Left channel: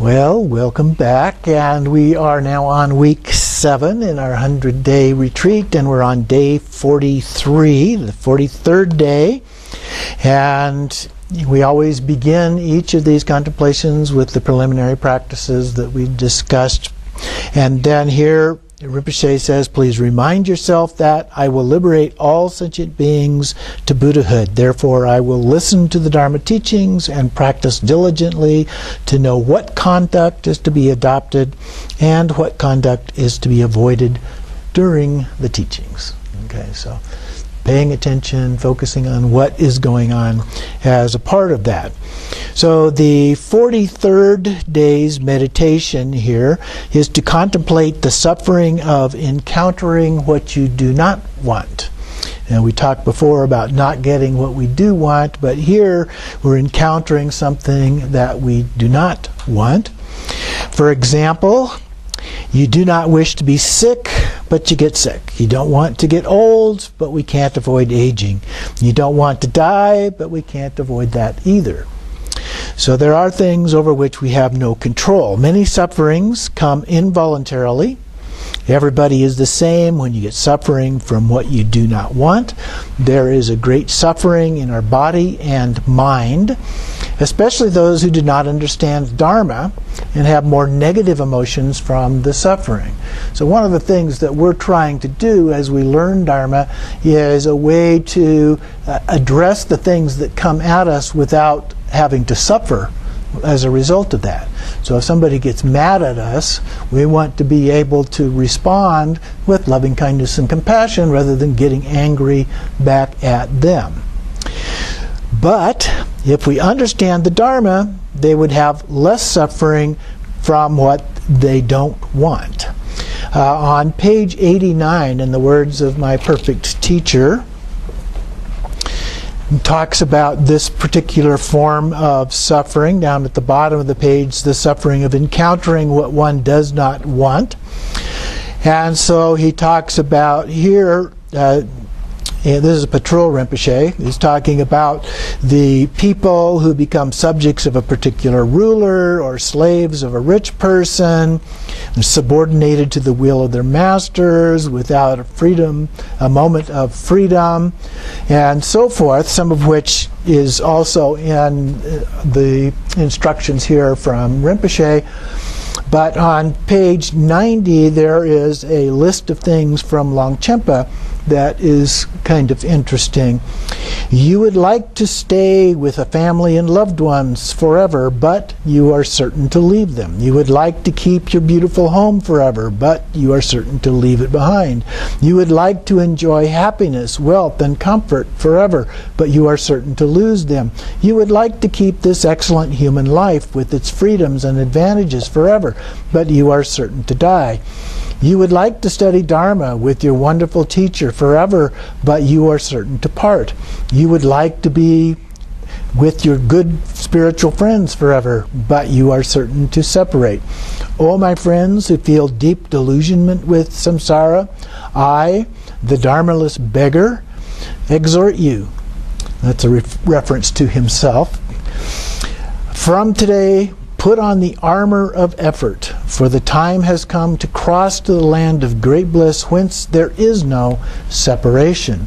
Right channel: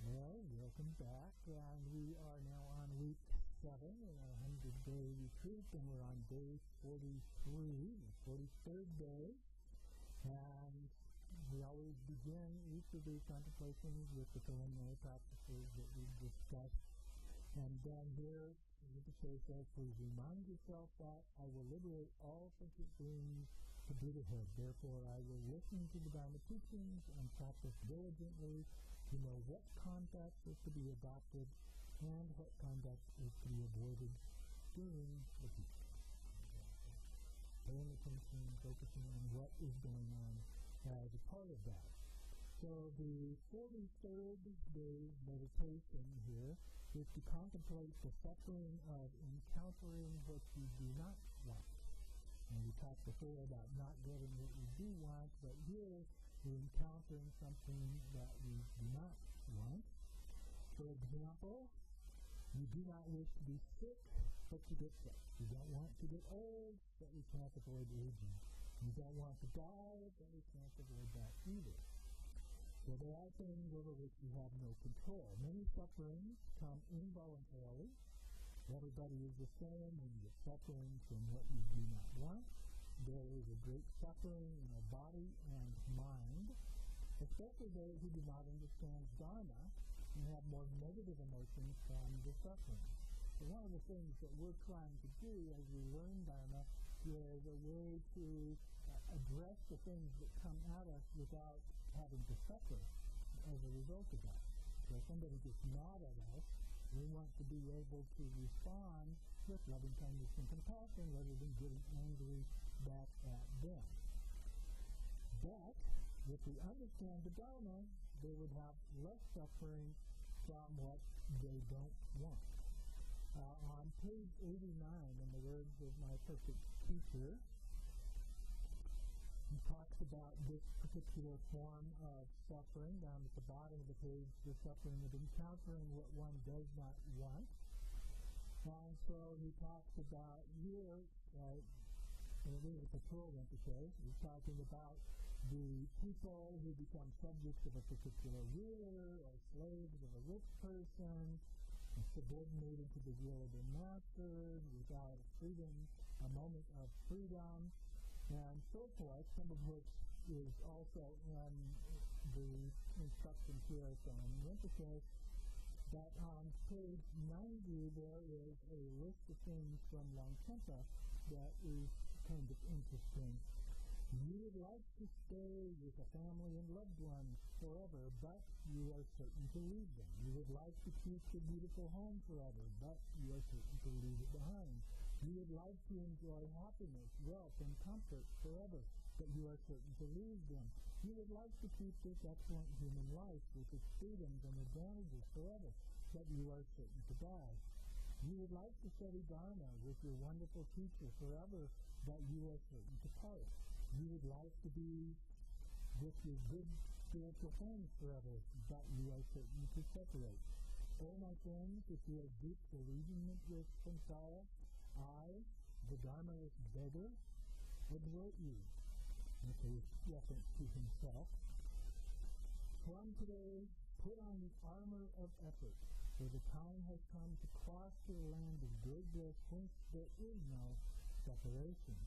Well, welcome back, and we are now on week 7 in our 100-day retreat, and we're on day 43, the 43rd day, and we always begin each of these contemplations with the preliminary practices that we discussed, and then here Rinpoche says, please remind yourself that I will liberate all sentient beings to Buddhahood. Therefore, I will listen to the Dharma teachings and practice diligently to know what conduct is to be adopted and what conduct is to be avoided during the teachings. Okay, so paying attention, focusing on what is going on as a part of that. So the 43rd day's meditation here is to contemplate the suffering of encountering what you do not want. And we talked before about not getting what we do want, but here we're encountering something that we do not want. For example, you do not wish to be sick, but you get sick. You don't want to get old, but we can't avoid aging. You don't want to die, but we can't avoid that either. So there are things over which we have no control. Many sufferings come involuntarily. Everybody is the same when you get suffering from what you do not want. There is a great suffering in our body and mind, especially those who do not understand Dharma and have more negative emotions from the suffering. So one of the things that we're trying to do as we learn Dharma is a way to address the things that come at us without having to suffer as a result of that. So if somebody gets mad at us, we want to be able to respond with loving kindness and compassion rather than getting angry back at them. But if we understand the Dharma, they would have less suffering from what they don't want. On page 89, in the words of my perfect teacher, talks about this particular form of suffering. Down at the bottom of the page, the suffering of encountering what one does not want. And so he talks about here, this is Patrul Rinpoche. He's talking about the people who become subjects of a particular ruler or slaves of a rich person, subordinated to the will of their masters, without a moment of freedom, and so forth, some of which is also in the instructions here from Rinpoche. But on page 90 there is a list of things from Longchen that is kind of interesting. You would like to stay with a family and loved ones forever, but you are certain to leave them. You would like to keep your beautiful home forever, but you are certain to leave it behind. You would like to enjoy happiness, wealth, and comfort forever, but you are certain to lose them. You would like to keep this excellent human life with its freedoms and advantages forever, but you are certain to die. You would like to study Dharma with your wonderful teacher forever, but you are certain to part. You would like to be with your good spiritual friends forever, but you are certain to separate. Oh, my friends who feel deep delusionment with samsara, I, the Dharmaless beggar, exhort you. That's a reference to himself. From today, put on the armor of effort, for the time has come to cross to the land of great bliss, whence there is no separation.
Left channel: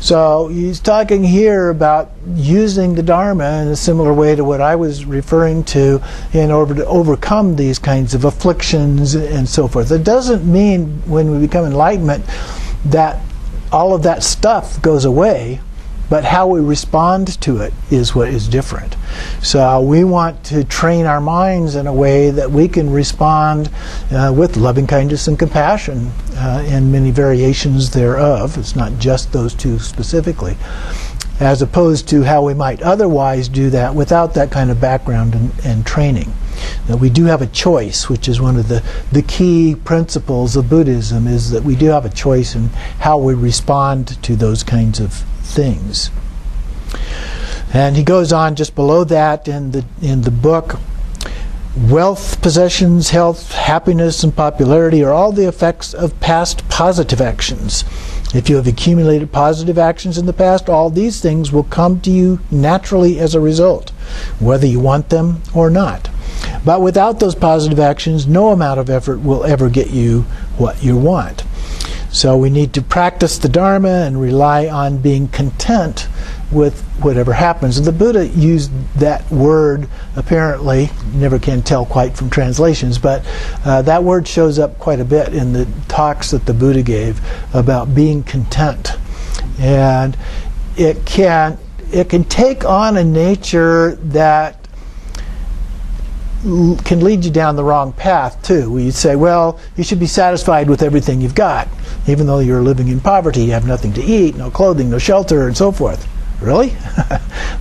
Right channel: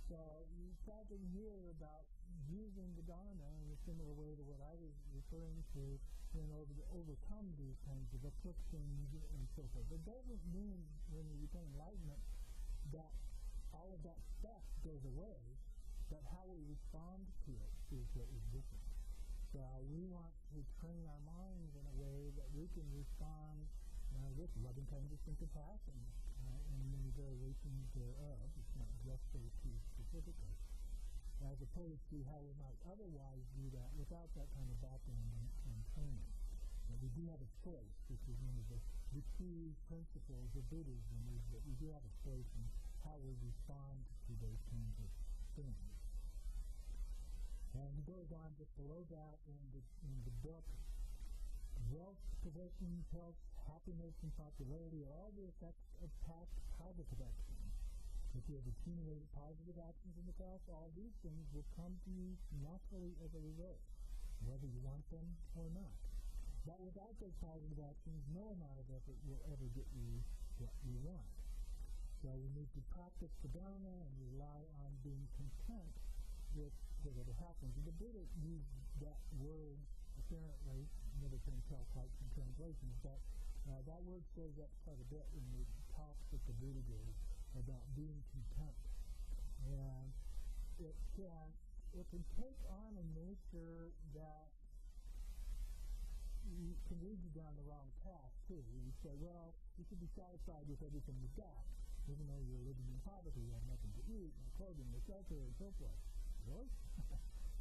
So he's talking here about using the Dharma in a similar way to what I was referring to in order to overcome these kinds of afflictions and so forth. It doesn't mean when we become enlightenment that all of that stuff goes away, but how we respond to it is what is different. So we want to train our minds in a way that we can respond with loving kindness and compassion and many variations thereof. It's not just those two specifically, as opposed to how we might otherwise do that without that kind of background and training. That we do have a choice, which is one of the key principles of Buddhism, is that we do have a choice in how we respond to those kinds of things. And he goes on just below that in the book, wealth, possessions, health, happiness, and popularity are all the effects of past positive actions. If you have accumulated positive actions in the past, all these things will come to you naturally as a result, whether you want them or not. But without those positive actions, no amount of effort will ever get you what you want. So we need to practice the Dharma and rely on being content with whatever happens. And the Buddha used that word, apparently, never can tell quite from translations, but that word shows up quite a bit in the talks that the Buddha gave about being content. And it can take on a nature that can lead you down the wrong path too. Where you say, well, you should be satisfied with everything you've got, even though you're living in poverty, you have nothing to eat, no clothing, no shelter, and so forth. Really?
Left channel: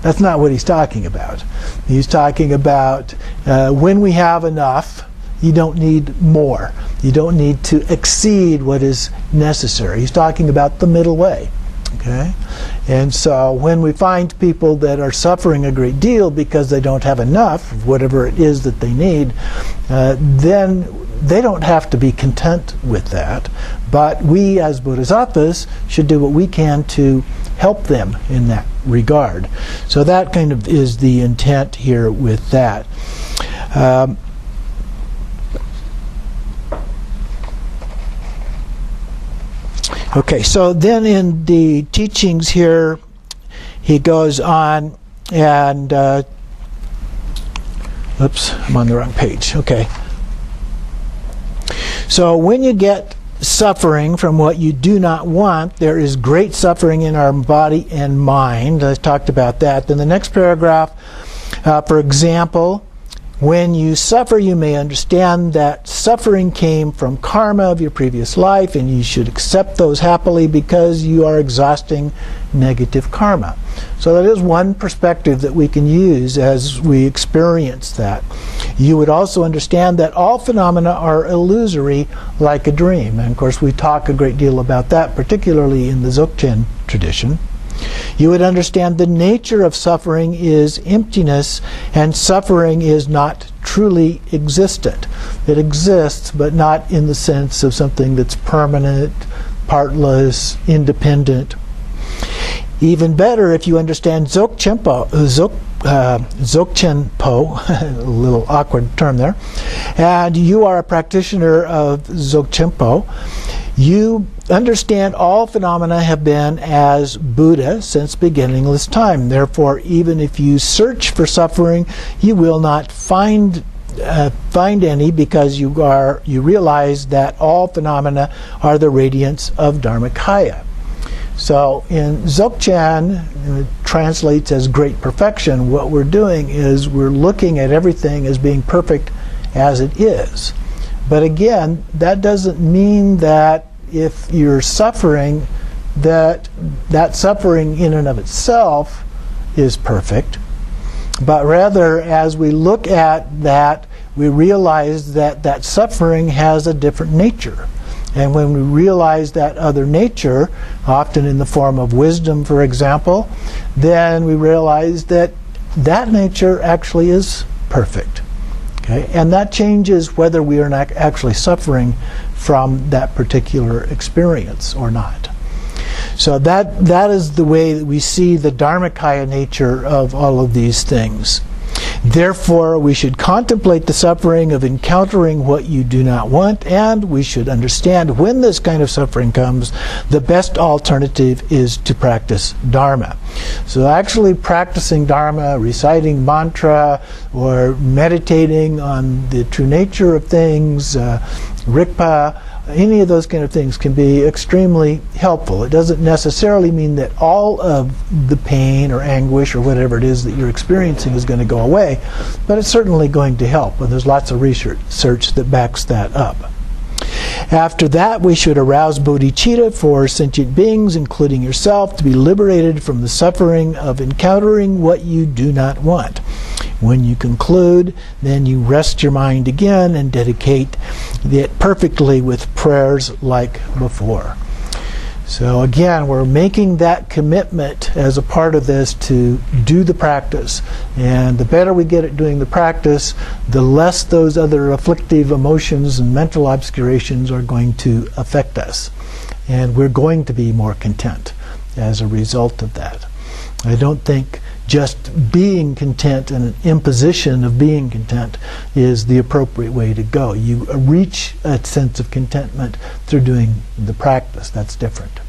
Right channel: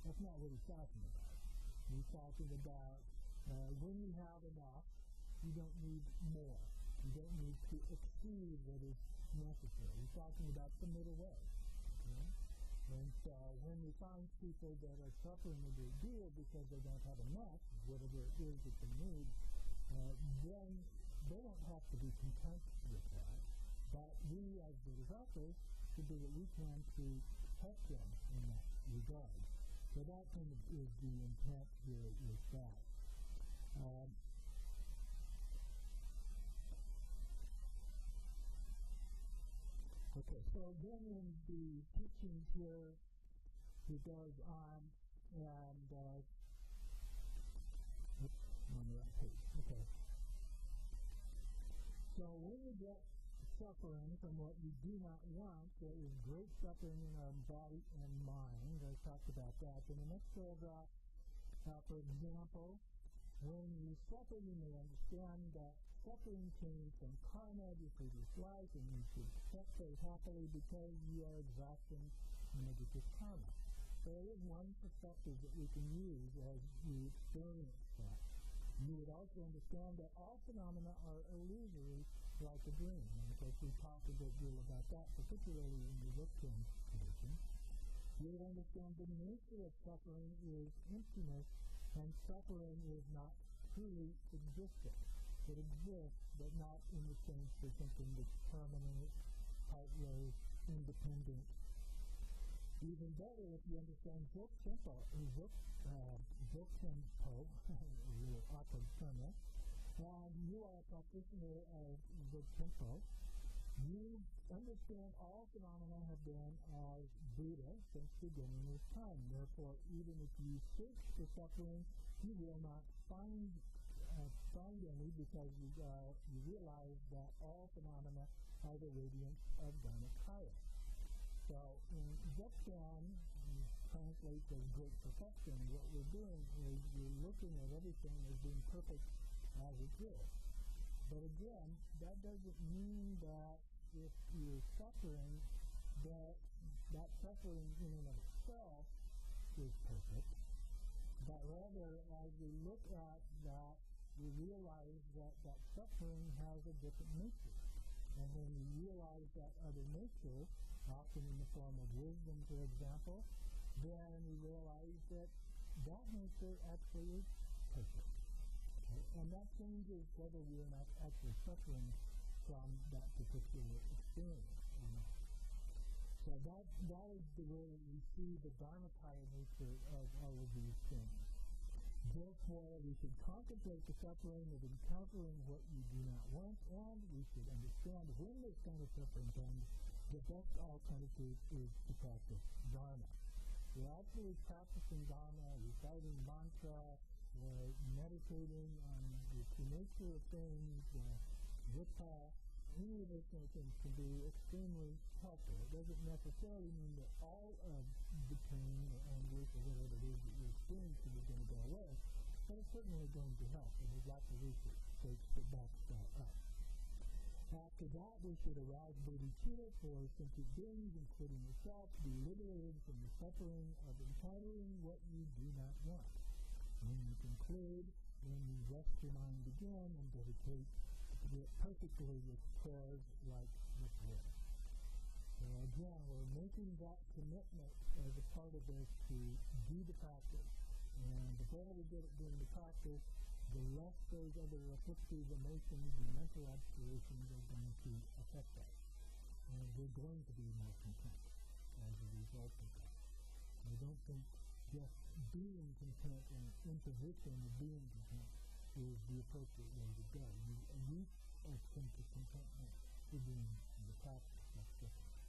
That's not what he's talking about. He's talking about when we have enough, you don't need more. You don't need to exceed what is necessary. He's talking about the middle way. Okay? And so when we find people that are suffering a great deal because they don't have enough of whatever it is that they need, then they don't have to be content with that. But we as bodhisattvas should do what we can to help them in that regard. So that kind of is the intent here with that. Okay, so then in the teachings here, he goes on and, oops, I'm on the wrong page. Okay. So when you get suffering from what you do not want, there is great suffering in our body and mind. I talked about that. Then the next paragraph, for example, when you suffer, you may understand that suffering came from karma of your previous life, and you should accept those happily because you are exhausting negative karma. So that is one perspective that we can use as we experience that. You would also understand that all phenomena are illusory like a dream. And of course we talk a great deal about that, particularly in the Dzogchen tradition. You would understand the nature of suffering is emptiness, and suffering is not truly existent. It exists, but not in the sense of something that's permanent, partless, independent. Even better, if you understand Dzogchen Po, a little awkward term there, and you are a practitioner of Dzogchen Po, you understand all phenomena have been as Buddha since beginningless time. Therefore, even if you search for suffering, you will not find any, because you realize that all phenomena are the radiance of Dharmakaya. So in Dzogchen, it translates as great perfection. What we're doing is we're looking at everything as being perfect as it is. But again, that doesn't mean that if you're suffering, that suffering in and of itself is perfect. But rather, as we look at that, we realize that that suffering has a different nature. And when we realize that other nature, often in the form of wisdom, for example, then we realize that that nature actually is perfect. Okay? And that changes whether we are not actually suffering from that particular experience or not. So that is the way that we see the Dharmakaya nature of all of these things. Therefore, we should contemplate the suffering of encountering what you do not want, and we should understand when this kind of suffering comes, the best alternative is to practice Dharma. So actually practicing Dharma, reciting mantra, or meditating on the true nature of things, Rigpa, any of those kind of things can be extremely helpful. It doesn't necessarily mean that all of the pain or anguish or whatever it is that you're experiencing is going to go away, but it's certainly going to help, and there's lots of research that backs that up. After that, we should arouse bodhicitta for sentient beings, including yourself, to be liberated from the suffering of encountering what you do not want. When you conclude, then you rest your mind again and dedicate it perfectly with prayers like before. So again, we're making that commitment as a part of this to do the practice. And the better we get at doing the practice, the less those other afflictive emotions and mental obscurations are going to affect us. And we're going to be more content as a result of that. I don't think just being content and an imposition of being content is the appropriate way to go. You reach a sense of contentment through doing the practice. That's different.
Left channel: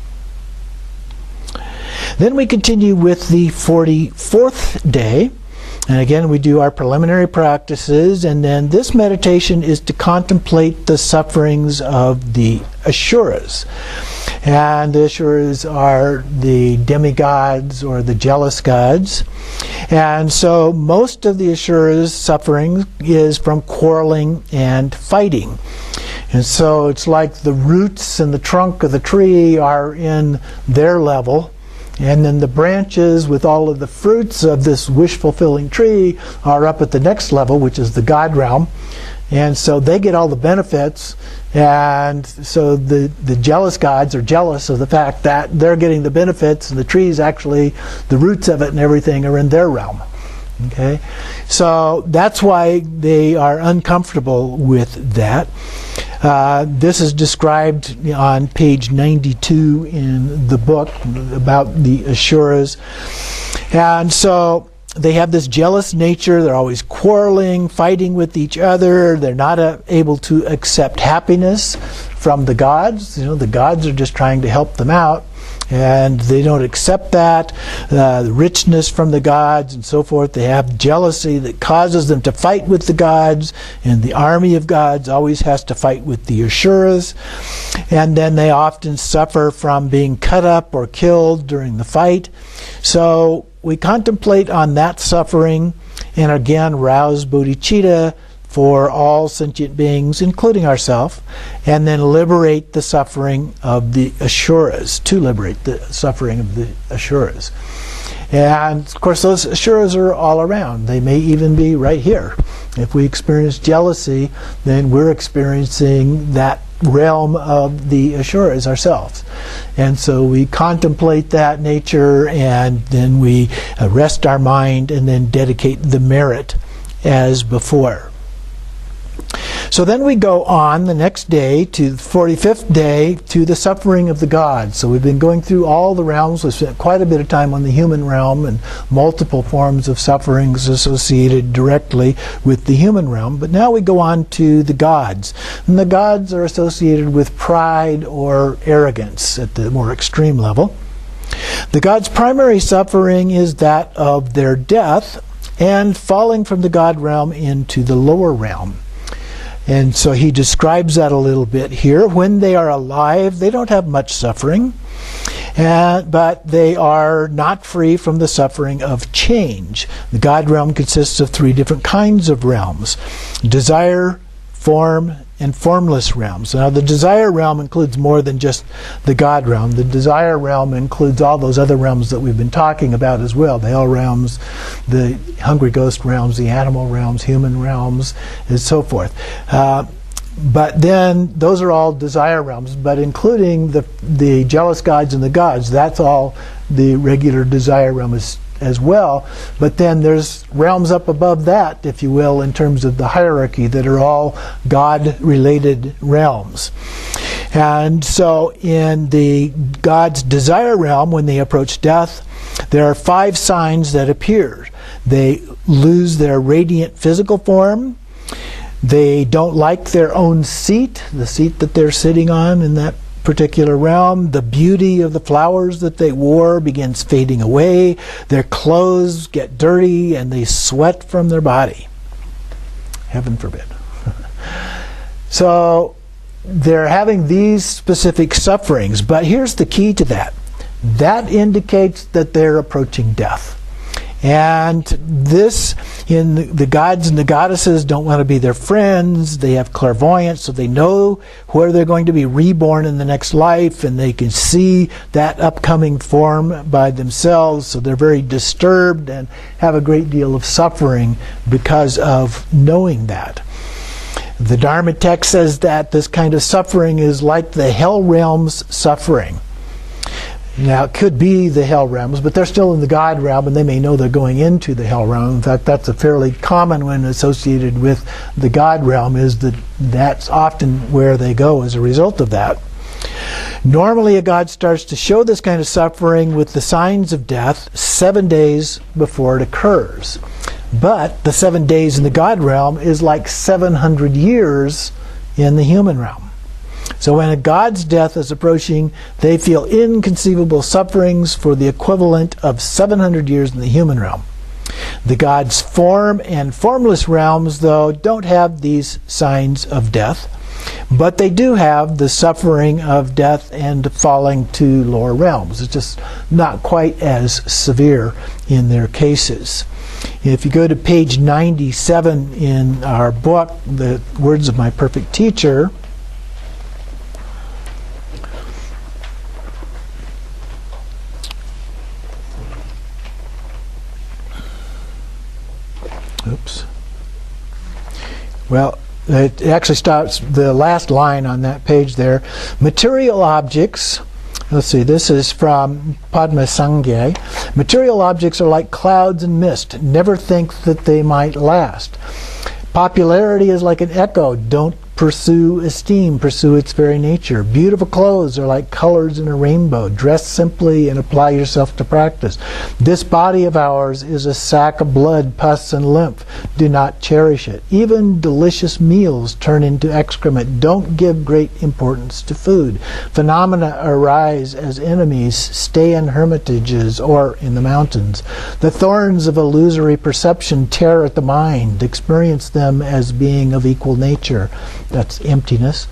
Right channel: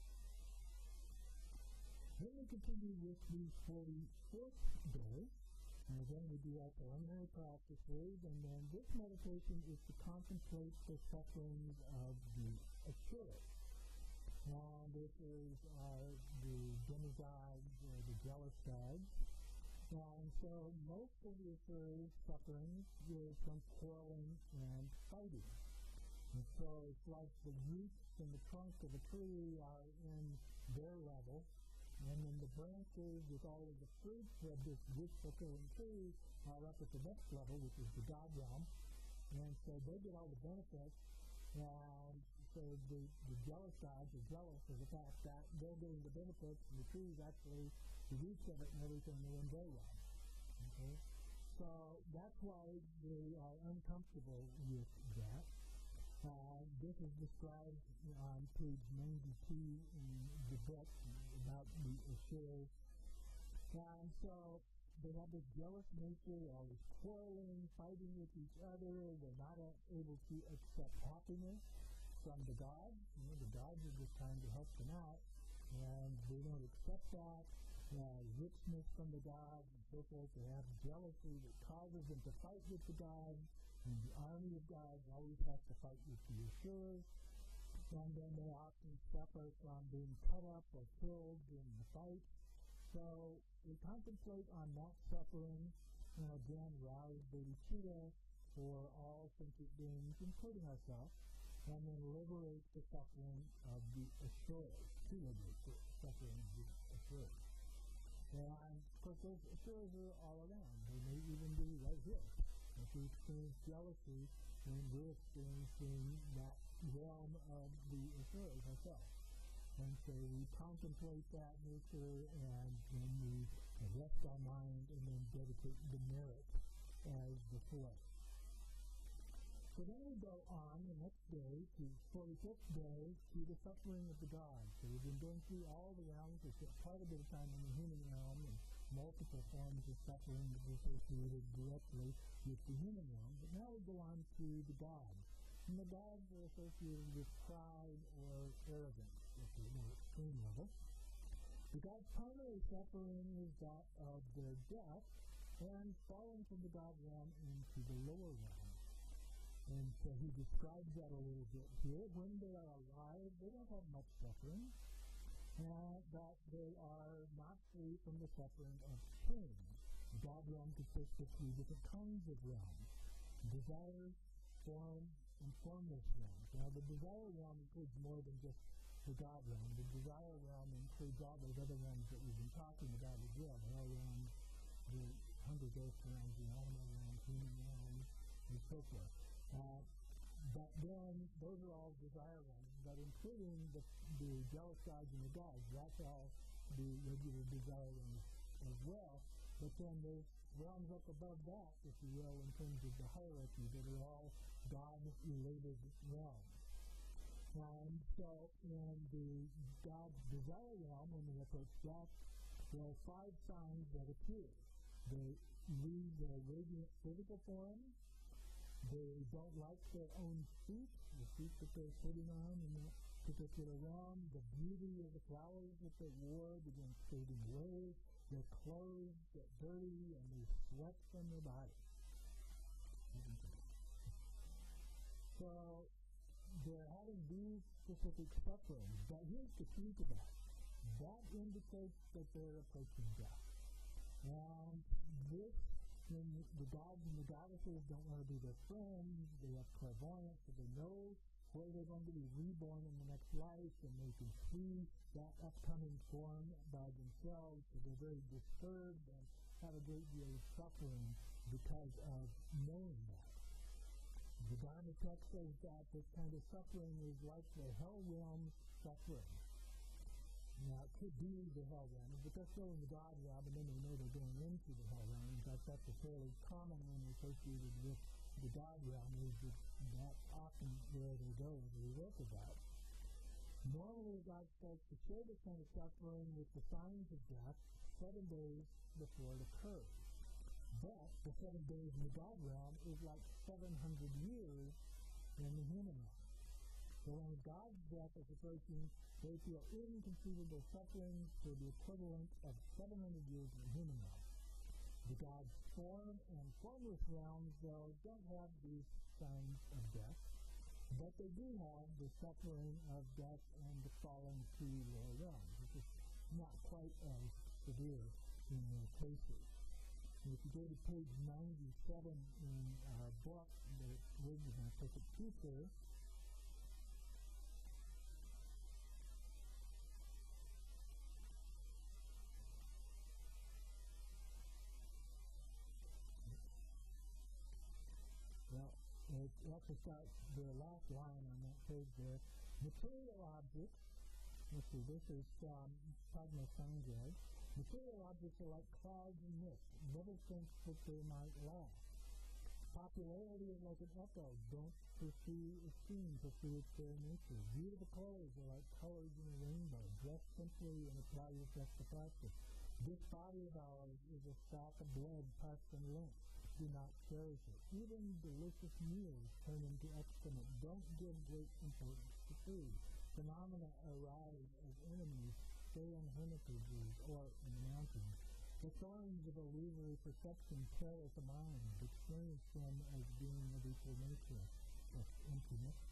Then we continue with the 44th day. And again, we do our preliminary practices, and then this meditation is to contemplate the sufferings of the Asuras. And the Asuras are the demigods or the jealous gods. And so most of the Asuras' suffering is from quarreling and fighting. And so it's like the roots and the trunk of the tree are in their level, and then the branches with all of the fruits of this wish-fulfilling tree are up at the next level, which is the God realm. And so they get all the benefits, and so the jealous gods are jealous of the fact that they're getting the benefits, and the trees actually, the roots of it and everything are in their realm. Okay? So that's why they are uncomfortable with that. This is described on page 92 in the book about the Asuras. And so they have this jealous nature. They're always quarreling, fighting with each other. They're not able to accept happiness from the gods. You know, the gods are just trying to help them out, and they don't accept that, the richness from the gods and so forth. They have jealousy that causes them to fight with the gods, and the army of gods always has to fight with the Asuras. And then they often suffer from being cut up or killed during the fight. So we contemplate on that suffering, and again rouse bodhicitta for all sentient beings, including ourselves, and then liberate the suffering of the Asuras, to liberate the suffering of the Asuras. And of course those Asuras are all around. They may even be right here. If we experience jealousy, then we're experiencing that realm of the Asuras ourselves. And so we contemplate that nature, and then we rest our mind and then dedicate the merit as before. So then we go on the next day to the 45th day to the suffering of the gods. So we've been going through all the realms. We've spent quite a bit of time on the human realm and multiple forms of sufferings associated directly with the human realm. But now we go on to the gods. And the gods are associated with pride or arrogance at the more extreme level. The gods' primary suffering is that of their death and falling from the god realm into the lower realm. And so he describes that a little bit here. When they are alive, they don't have much suffering, but they are not free from the suffering of change. The God realm consists of 3 different kinds of realms: desire, form, and formless realms. Now the desire realm includes more than just the God realm. The desire realm includes all those other realms that we've been talking about as well. The hell realms, the hungry ghost realms, the animal realms, human realms, and so forth. But then those are all desire realms, but including the jealous gods and the gods, that's all the regular desire realm as well. But then there's realms up above that, if you will, in terms of the hierarchy, that are all God-related realms. And so in the God's desire realm, when they approach death, there are 5 signs that appear. They lose their radiant physical form. They don't like their own seat, the seat that they're sitting on in that particular realm. The beauty of the flowers that they wore begins fading away. Their clothes get dirty and they sweat from their body. Heaven forbid. So they're having these specific sufferings, but here's the key to that. That indicates that they're approaching death. And this, in the gods and the goddesses don't want to be their friends. They have clairvoyance, so they know where they're going to be reborn in the next life, and they can see that upcoming form by themselves. So they're very disturbed and have a great deal of suffering because of knowing that. The Dharma text says that this kind of suffering is like the hell realm's suffering. Now, it could be the hell realms, but they're still in the God realm, and they may know they're going into the hell realm. In fact, that's a fairly common one associated with the God realm, is that that's often where they go as a result of that. Normally, a god starts to show this kind of suffering with the signs of death 7 days before it occurs. But the 7 days in the god realm is like 700 years in the human realm. So when a god's death is approaching, they feel inconceivable sufferings for the equivalent of 700 years in the human realm. The god's form and formless realms, though, don't have these signs of death, but they do have the suffering of death and falling to lower realms. It's just not quite as severe in their cases. If you go to page 97 in our book, The Words of My Perfect Teacher, oops. Well, it actually starts the last line on that page there. Material objects, let's see, this is from Padma Sangye. Material objects are like clouds and mist. Never think that they might last. Popularity is like an echo. Don't pursue esteem, pursue its very nature. Beautiful clothes are like colors in a rainbow. Dress simply and apply yourself to practice. This body of ours is a sack of blood, pus, and lymph. Do not cherish it. Even delicious meals turn into excrement. Don't give great importance to food. Phenomena arise as enemies. Stay in hermitages or in the mountains. The thorns of illusory perception tear at the mind. Experience them as being of equal nature. That's emptiness.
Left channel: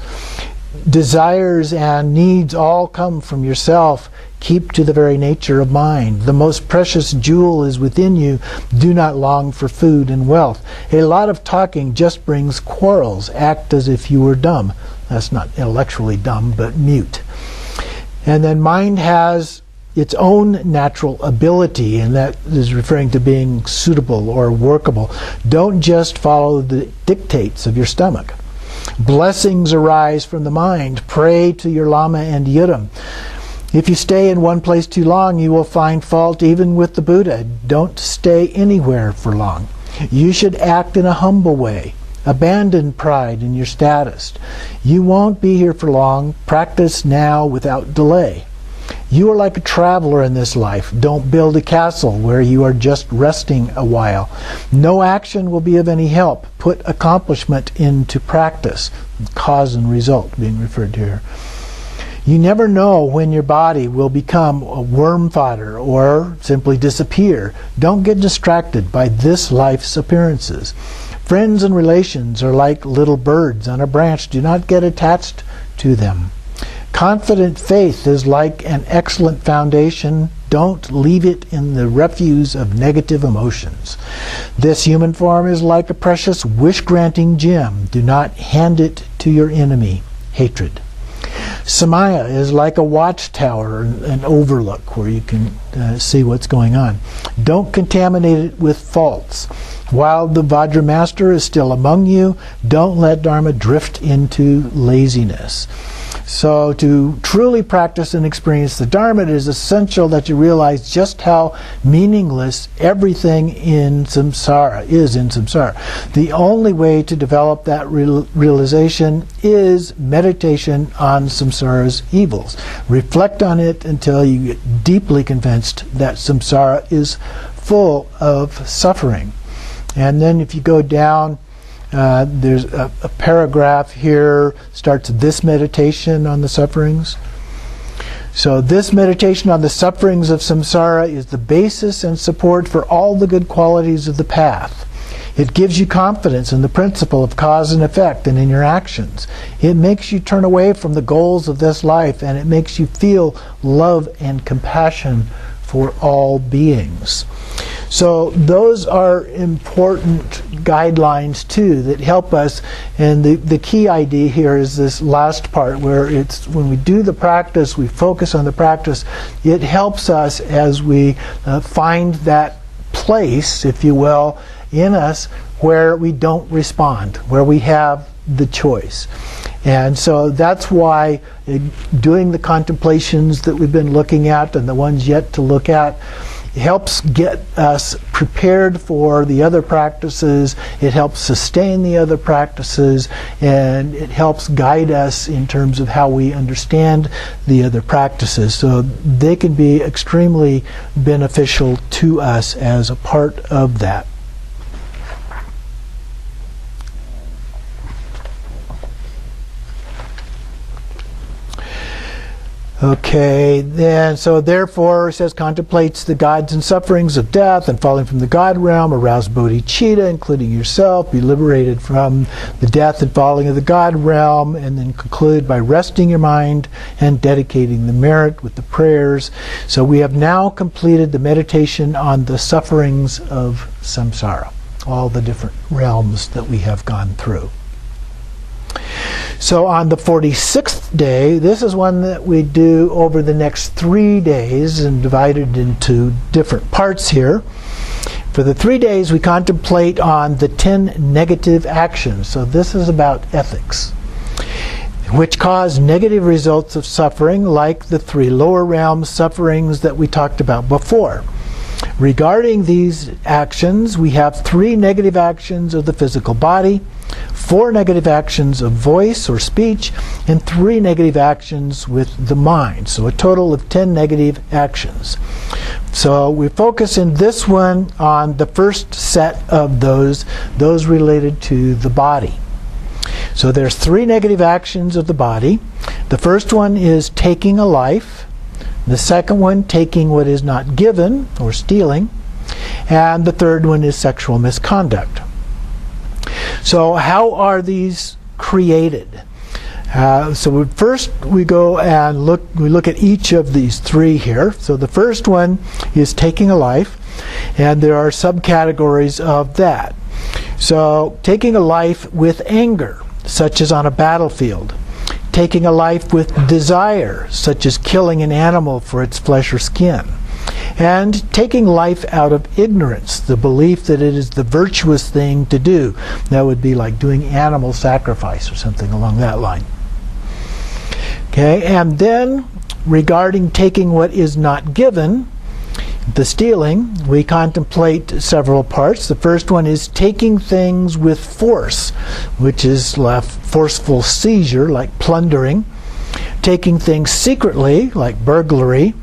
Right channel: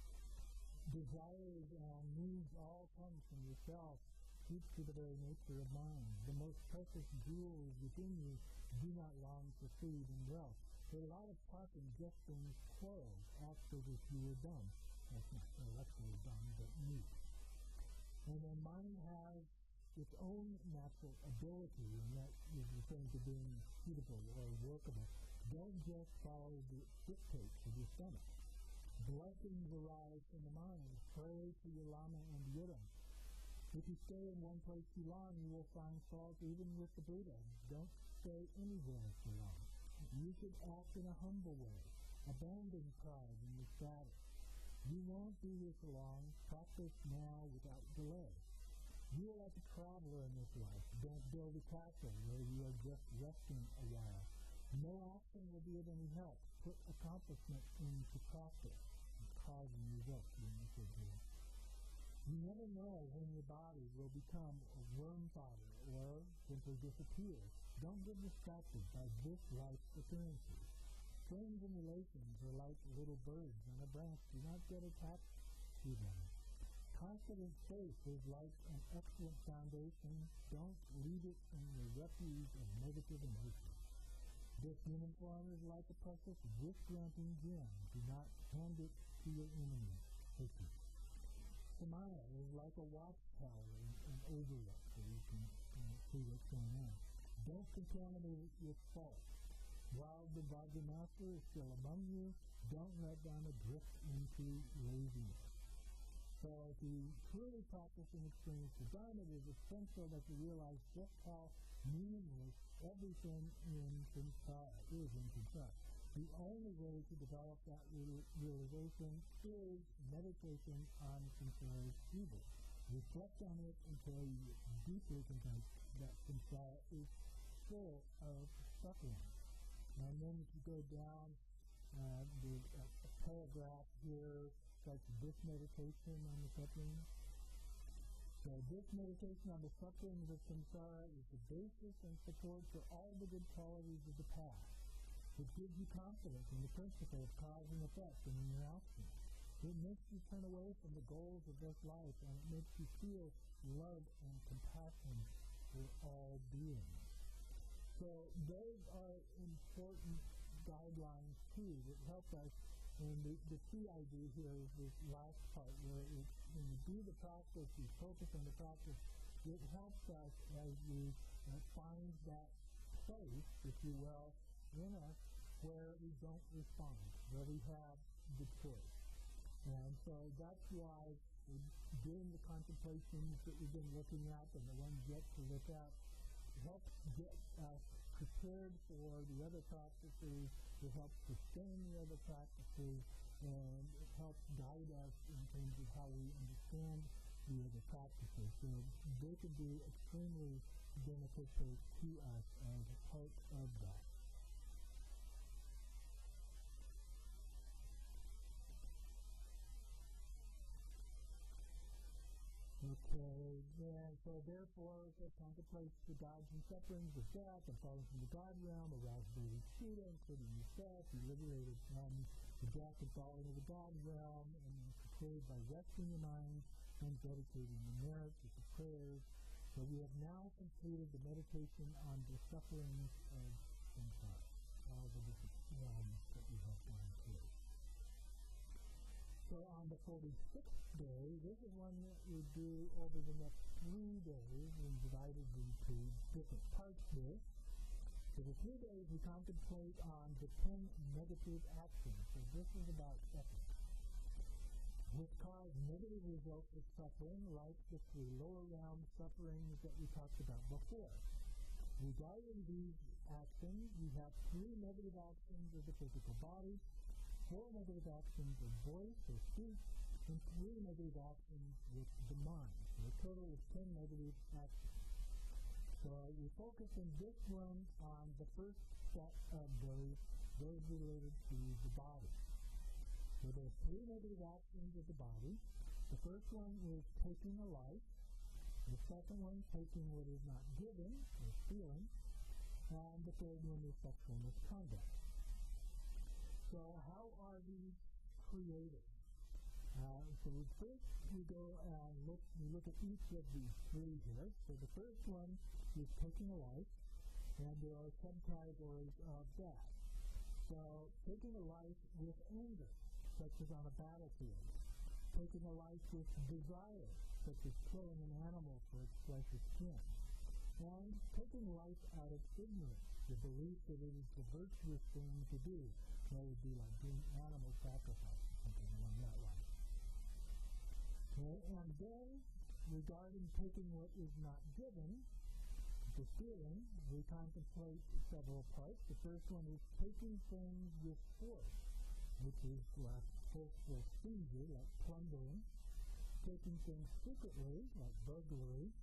Desires and needs all come from yourself. Keep to the very nature of mind. The most precious jewel is within you. Do not long for food and wealth. A lot of talking just brings quarrels. Act as if you were dumb. That's not intellectually dumb, but mute. And then mind has its own natural ability, and that is referring to being suitable or workable. Don't just follow the dictates of your stomach. Blessings arise from the mind. Pray to your Lama and Yidam. If you stay in one place too long, you will find fault even with the Buddha. Don't stay anywhere for long. You should act in a humble way. Abandon pride in your status. You won't be here for long. Practice now without delay. You are like a traveler in this life. Don't build a castle where you are just resting a while. No action will be of any help. Put accomplishment into practice. Cause and result being referred to here. You never know when your body will become a worm fodder or simply disappear. Don't get distracted by this life's appearances. Friends and relations are like little birds on a branch. Do not get attached to them. Confident faith is like an excellent foundation. Don't leave it in the refuse of negative emotions. This human form is like a precious wish-granting gem. Do not hand it to your enemy, hatred. Samaya is like a watchtower, an overlook where you can see what's going on. Don't contaminate it with faults. While the Vajra Master is still among you, don't let Dharma drift into laziness. So to truly practice and experience the Dharma, it is essential that you realize just how meaningless everything in samsara is in samsara. The only way to develop that realization is meditation on samsara's evils. Reflect on it until you get deeply convinced that samsara is full of suffering. And then if you go down, there's a paragraph here, starts this meditation on the sufferings. So this meditation on the sufferings of samsara is the basis and support for all the good qualities of the path. It gives you confidence in the principle of cause and effect and in your actions. It makes you turn away from the goals of this life, and it makes you feel love and compassion for all beings. So those are important guidelines too that help us, and the key idea here is this last part where it's when we do the practice, we focus on the practice, it helps us as we find that place, if you will, in us where we don't respond, where we have the choice. And so that's why doing the contemplations that we've been looking at and the ones yet to look at, It helps get us prepared for the other practices. It helps sustain the other practices, and it helps guide us in terms of how we understand the other practices. So they can be extremely beneficial to us as a part of that. Okay, then, so therefore, it says, contemplates the gods and sufferings of death and falling from the god realm, arouse bodhicitta, including yourself, be liberated from the death and falling of the god realm, and then conclude by resting your mind and dedicating the merit with the prayers. So we have now completed the meditation on the sufferings of samsara, all the different realms that we have gone through. So on the 46th day, this is one that we do over the next 3 days and divided into different parts here. For the 3 days, we contemplate on the 10 negative actions. So this is about ethics, which cause negative results of suffering, like the 3 lower realm sufferings that we talked about before. Regarding these actions, we have 3 negative actions of the physical body, 4 negative actions of voice or speech, and 3 negative actions with the mind. So a total of 10 negative actions. So we focus in this one on the first set of those related to the body. So there's 3 negative actions of the body. The first one is taking a life. The second one, taking what is not given, or stealing. And the third one is sexual misconduct. So how are these created? So first we go and look at each of these 3 here. So the first one is taking a life, and there are subcategories of that. So taking a life with anger, such as on a battlefield. Taking a life with desire, such as killing an animal for its flesh or skin. And taking life out of ignorance, the belief that it is the virtuous thing to do. That would be like doing animal sacrifice or something along that line. Okay, and then regarding taking what is not given, the stealing, we contemplate several parts. The first one is taking things with force, which is forceful seizure, like plundering. Taking things secretly, like burglary.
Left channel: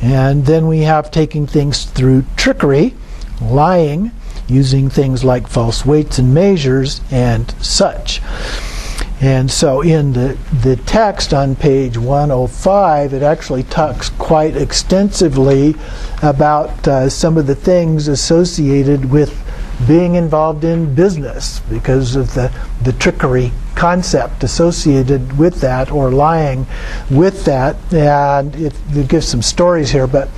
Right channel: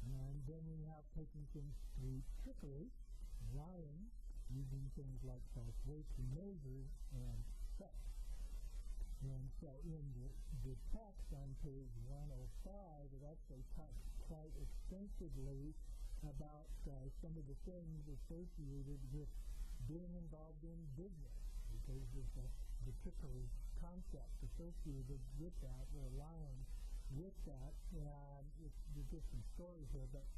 And then we have taking things through trickery, lying, using things like false weights and measures and such. And so in the text on page 105, it actually talks quite extensively about some of the things associated with being involved in business because of the trickery concept associated with that, or lying with that. And it gives some stories here, but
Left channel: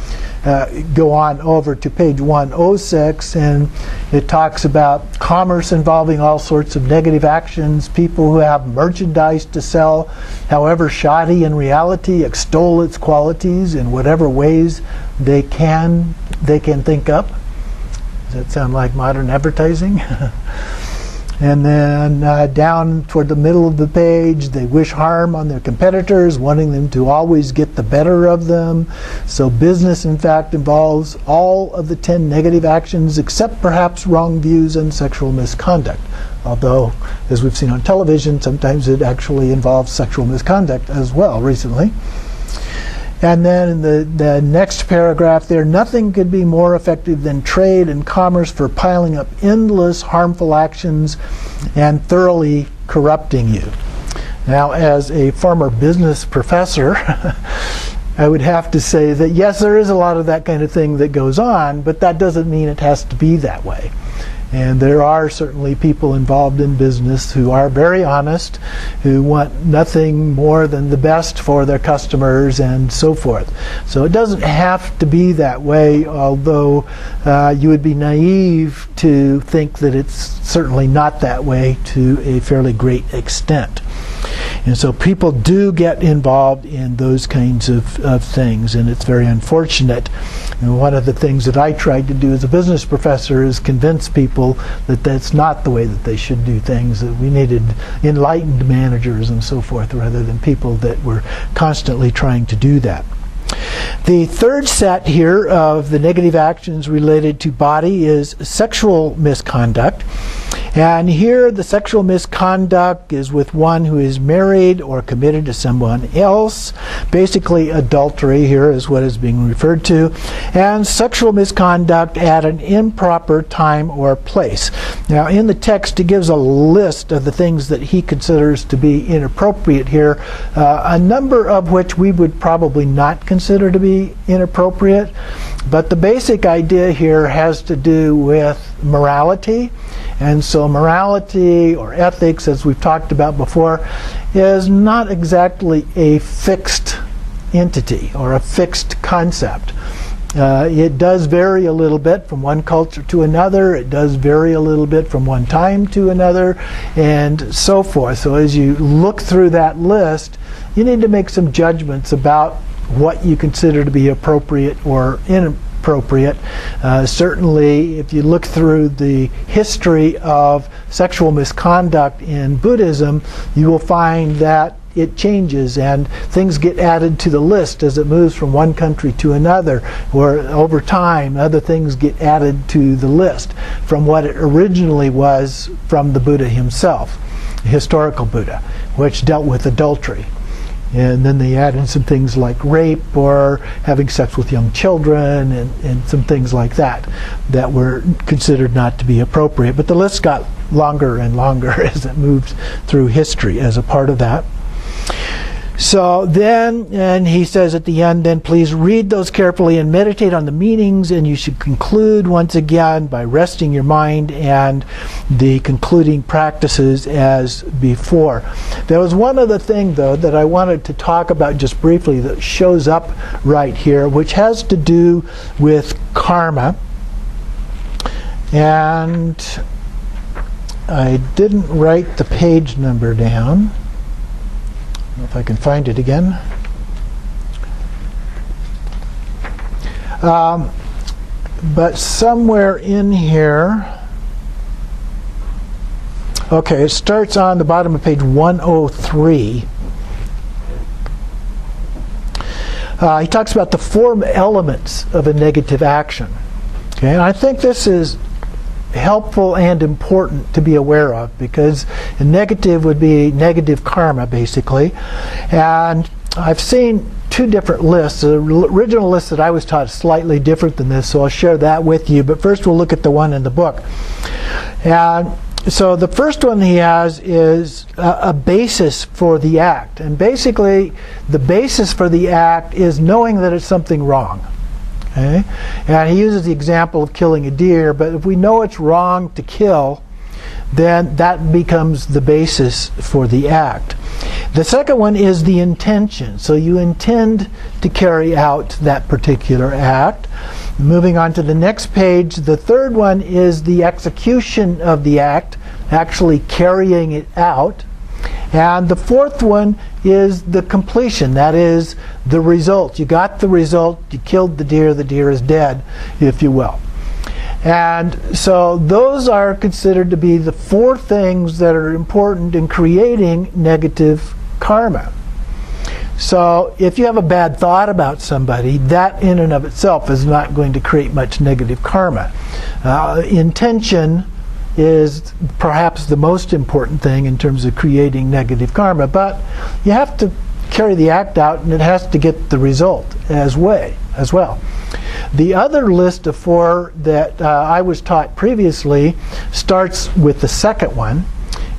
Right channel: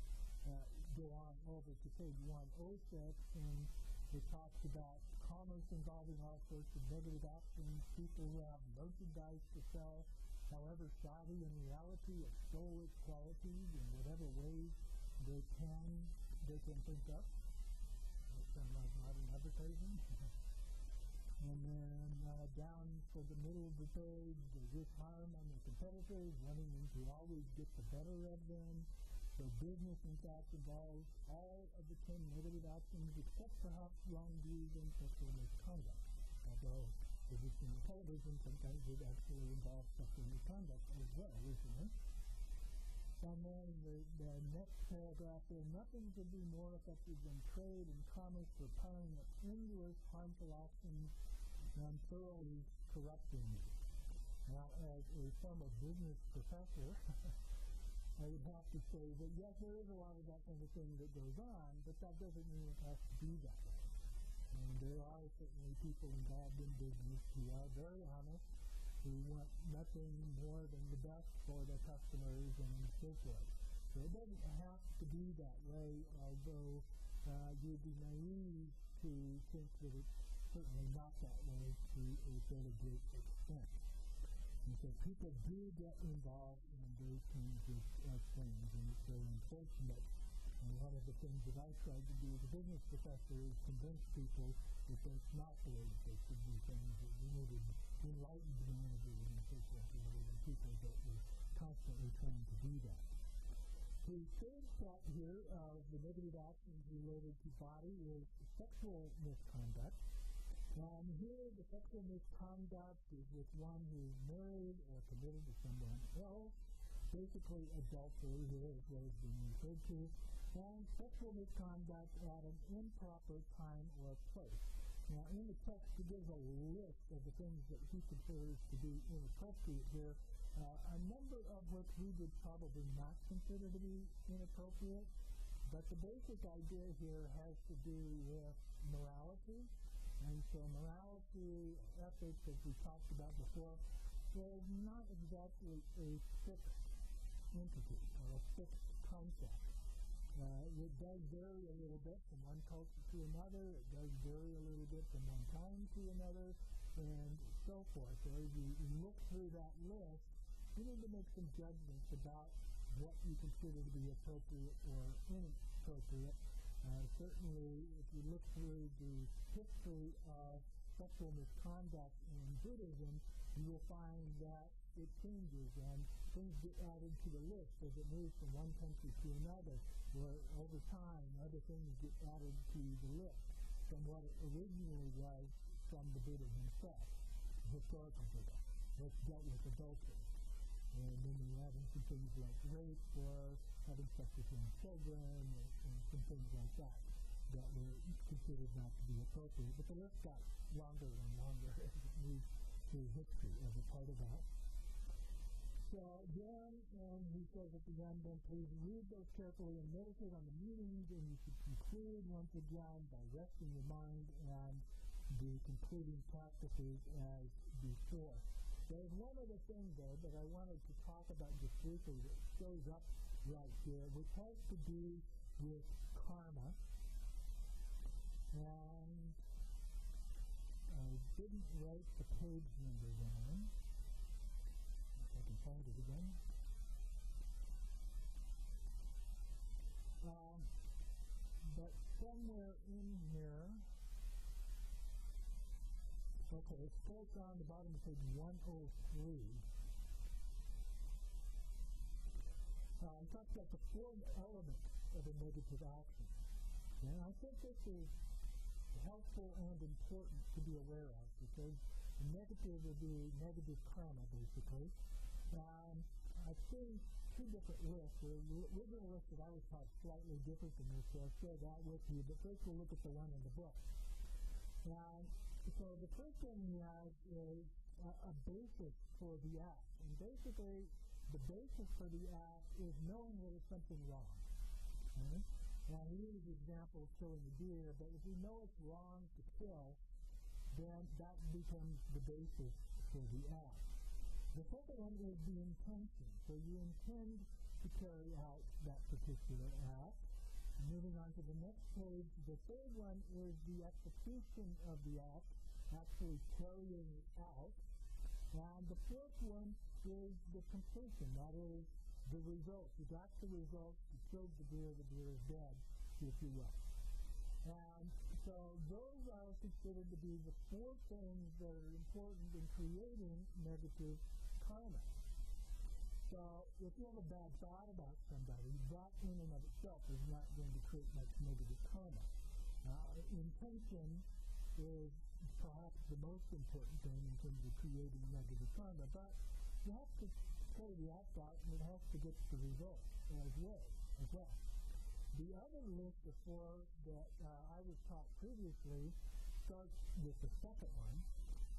go on over to page 106, and it talks about commerce involving all sorts of negative actions, people who have merchandise to sell, however shoddy in reality, extol its qualities in whatever ways they can think up. Does that sound like modern advertising? And then down toward the middle of the page, they wish harm on their competitors, wanting them to always get the better of them. So business, in fact, involves all of the 10 negative actions, except perhaps wrong views and sexual misconduct. Although, as we've seen on television, sometimes it actually involves sexual misconduct as well recently. And then in the next paragraph there, nothing could be more effective than trade and commerce for piling up endless harmful actions and thoroughly corrupting you. Now, as a former business professor, I would have to say that yes, there is a lot of that kind of thing that goes on, but that doesn't mean it has to be that way. And there are certainly people involved in business who are very honest, who want nothing more than the best for their customers and so forth. So it doesn't have to be that way, although you would be naive to think that it's certainly not that way to a fairly great extent. And so people do get involved in those kinds of things, and it's very unfortunate. And one of the things that I tried to do as a business professor is convince people that that's not the way that they should do things, that we needed enlightened managers and so forth, rather than people that were constantly trying to do that. The third set here of the negative actions related to body is sexual misconduct. And here the sexual misconduct is with one who is married or committed to someone else. Basically adultery here is what is being referred to. And sexual misconduct at an improper time or place. Now in the text it gives a list of the things that he considers to be inappropriate here, a number of which we would probably not consider to be inappropriate. But the basic idea here has to do with morality. And so morality or ethics, as we've talked about before, is not exactly a fixed entity or a fixed concept. It does vary a little bit from one culture to another. It does vary a little bit from one time to another, and so forth. So as you look through that list, you need to make some judgments about what you consider to be appropriate or inappropriate. Certainly, if you look through the history of sexual misconduct in Buddhism, you will find that it changes and things get added to the list as it moves from one country to another, or over time other things get added to the list from what it originally was from the Buddha himself, the historical Buddha, which dealt with adultery. And then they add in some things like rape or having sex with young children and some things like that that were considered not to be appropriate. But the list got longer and longer as it moved through history as a part of that. So then, and he says at the end, then please read those carefully and meditate on the meanings, and you should conclude once again by resting your mind and the concluding practices as before. There was one other thing, though, that I wanted to talk about just briefly that shows up right here, which has to do with karma. And I didn't write the page number down. If I can find it again. But somewhere in here, okay, it starts on the bottom of page 103. He talks about the 4 elements of a negative action. Okay, and I think this is helpful and important to be aware of, because a negative would be negative karma, basically. And I've seen 2 different lists. The original list that I was taught is slightly different than this, so I'll share that with you. But first we'll look at the one in the book. And so the first one he has is a basis for the act. And basically the basis for the act is knowing that it's something wrong. Okay? And he uses the example of killing a deer, but if we know it's wrong to kill, then that becomes the basis for the act. The second one is the intention. So you intend to carry out that particular act. Moving on to the next page, the third one is the execution of the act, actually carrying it out. And the fourth one is the completion, that is the result. You got the result, you killed the deer is dead, if you will. And so those are considered to be the 4 things that are important in creating negative karma. So if you have a bad thought about somebody, that in and of itself is not going to create much negative karma. Intention is perhaps the most important thing in terms of creating negative karma, but you have to carry the act out and it has to get the result as well. The other list of 4 that I was taught previously starts with the second one,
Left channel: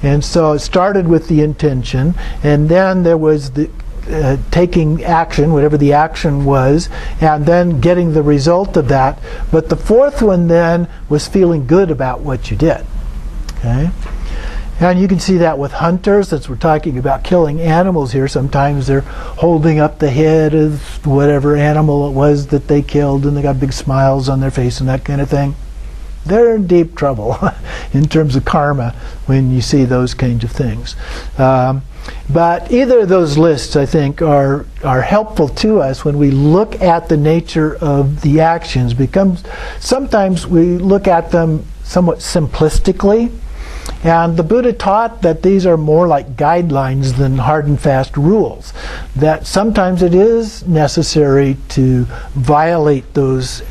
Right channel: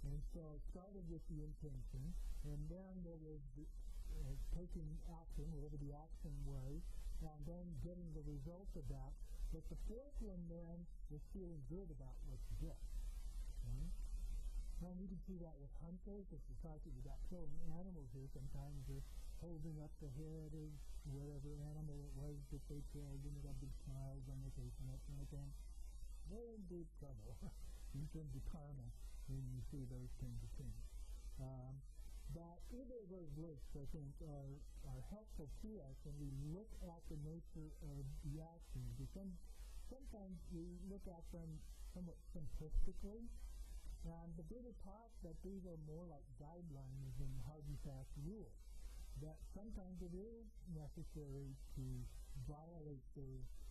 and so it started with the intention, and then there was the taking action, whatever the action was, and then getting the result of that. But the fourth one then was feeling good about what you did. Okay? And you can see that with hunters, since we're talking about killing animals here. Sometimes they're holding up the head of whatever animal it was that they killed, and they got big smiles on their face and that kind of thing. They're in deep trouble in terms of karma when you see those kinds of things. But either of those lists, I think, are helpful to us when we look at the nature of the actions. Sometimes we look at them somewhat simplistically, And the Buddha taught that these are more like guidelines than hard and fast rules, that sometimes it is necessary to violate those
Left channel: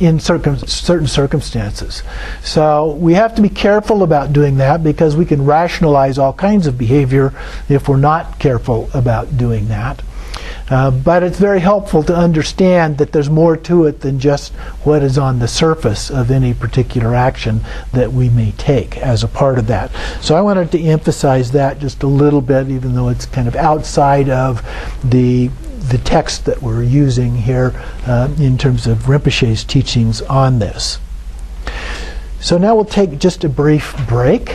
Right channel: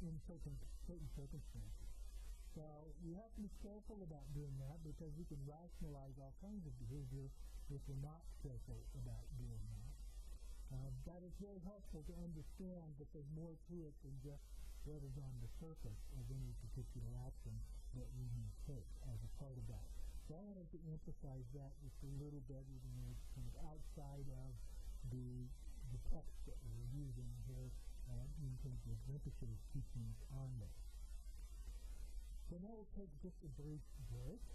in certain circumstances. So we have to be careful about doing that, because we can rationalize all kinds of behavior if we're not careful about doing that. But it's very helpful to understand that there's more to it than just what is on the surface of any particular action that we may take as a part of that. So I wanted to emphasize that just a little bit, even though it's kind of outside of the text that we're using here in terms of Rinpoche's teachings on this. So now we'll take just a brief break.